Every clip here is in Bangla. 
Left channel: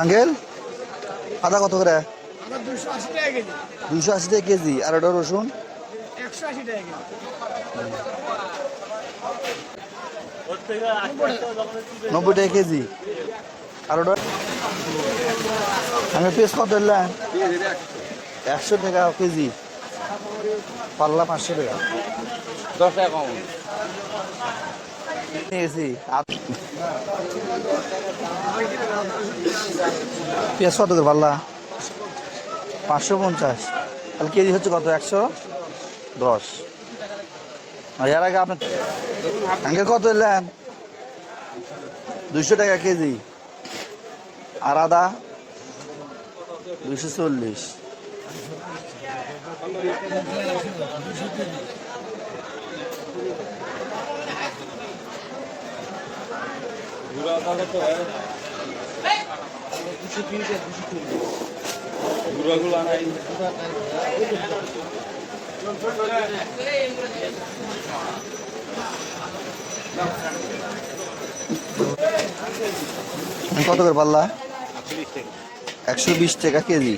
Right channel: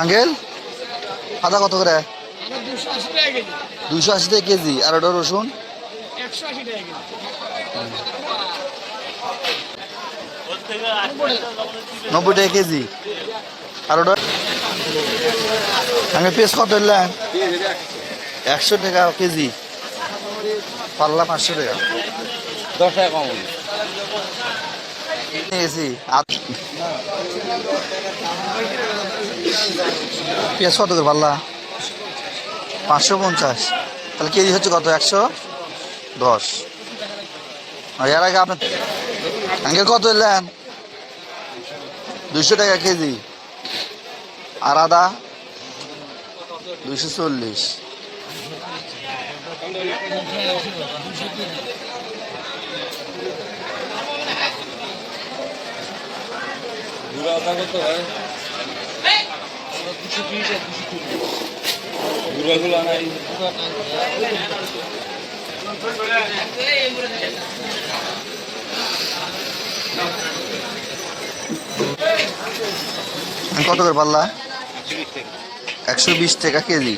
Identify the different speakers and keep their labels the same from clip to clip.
Speaker 1: আঙ্কেল, আদা কত করে?
Speaker 2: দুশো আশি টাকা কেজি।
Speaker 1: আর ওটা রসুন? নব্বই টাকা কেজি। আর ওটা? আঙ্কেল পেঁয়াজ কত এলাম একশো টাকা কেজি। পাল্লা পাঁচশো টাকা।
Speaker 3: দশ টাকা কম
Speaker 1: নিয়ে গেছি আদ- পেঁয়াজ কত পাল্লা? পাঁচশো পঞ্চাশ। তাহলে কেজি হচ্ছে কত? একশো দশ। এর আগে আপনার আঙ্কেল কত এলেন দুশো টাকা কেজি। আর আদা? দুইশো চল্লিশ। কত করে পাল্লা একশো বিশ টাকা কেজি।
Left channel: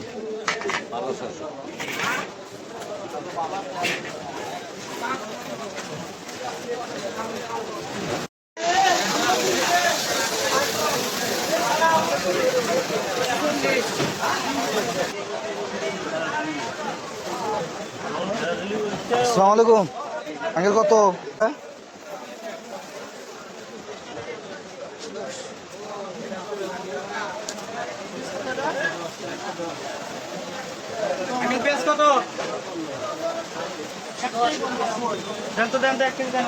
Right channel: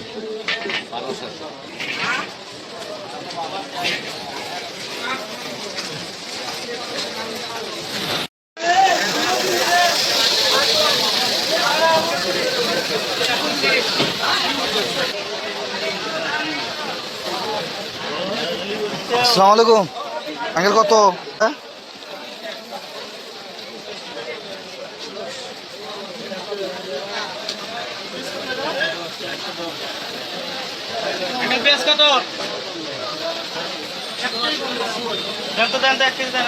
Speaker 1: আসসালামু আলাইকুম। আঙ্কেল কত? হ্যাঁ?
Speaker 2: কত? দেন তো দেন তো এক কেজি দেন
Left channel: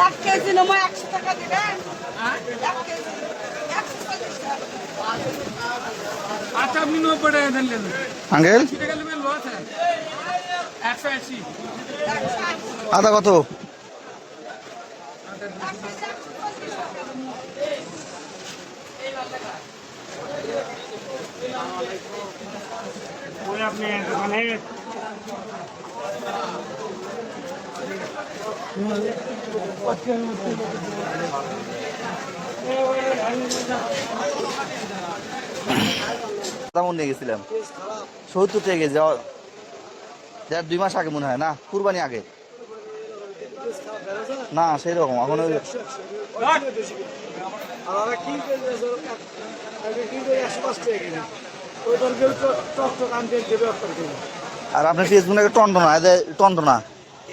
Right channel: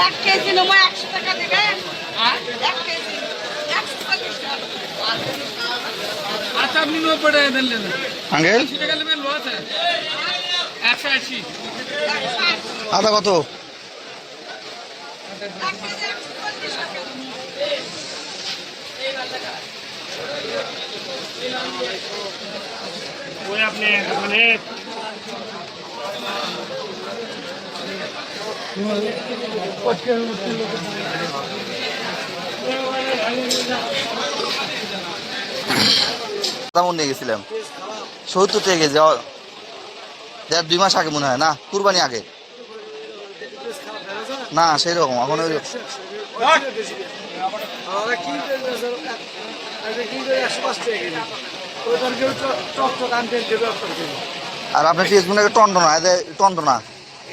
Speaker 4: এক কেজি নেব একশো টাকা দেবেন? এক কেজি একশো চল্লিশ টাকা
Speaker 2: আচ্ছা আপনি নব্বই টাকা দেন লেন
Speaker 1: আঙ্কেল?
Speaker 2: টাকা নেবেন লো একশো আশি।
Speaker 1: আদা কত?
Speaker 4: একশো চল্লিশ টাকা
Speaker 2: মানে
Speaker 1: তেমন নিয়ে গেছিলাম। সত্তর টাকা কেজি দেড় দুই মাস আগে মনে হয় না? কুরবানি আগে। না সেই রকম এখন ওই আর আপনি পেঁয়াজ মনে টন্ড না এদের টন্ড না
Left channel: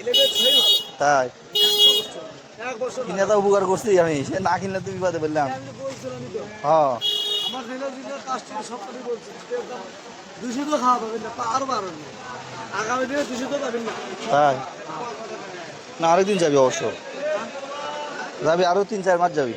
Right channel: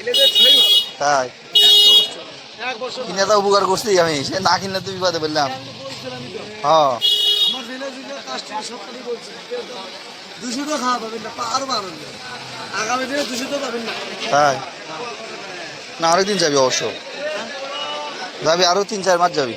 Speaker 2: এলে বেশ ভাই ভালো।
Speaker 1: তাই। কিনে তো উপকার করছি আমি। সে না কিনলে তো বিপদে বললাম হ্যাঁ।
Speaker 2: পাঁচ খাওয়া পাবেন না আরও আগামী দিনে দুশো না।
Speaker 1: তাই? না আরেকদিন যাবি অবশ্য। যাবি আরও তিন চার মাস যাবি।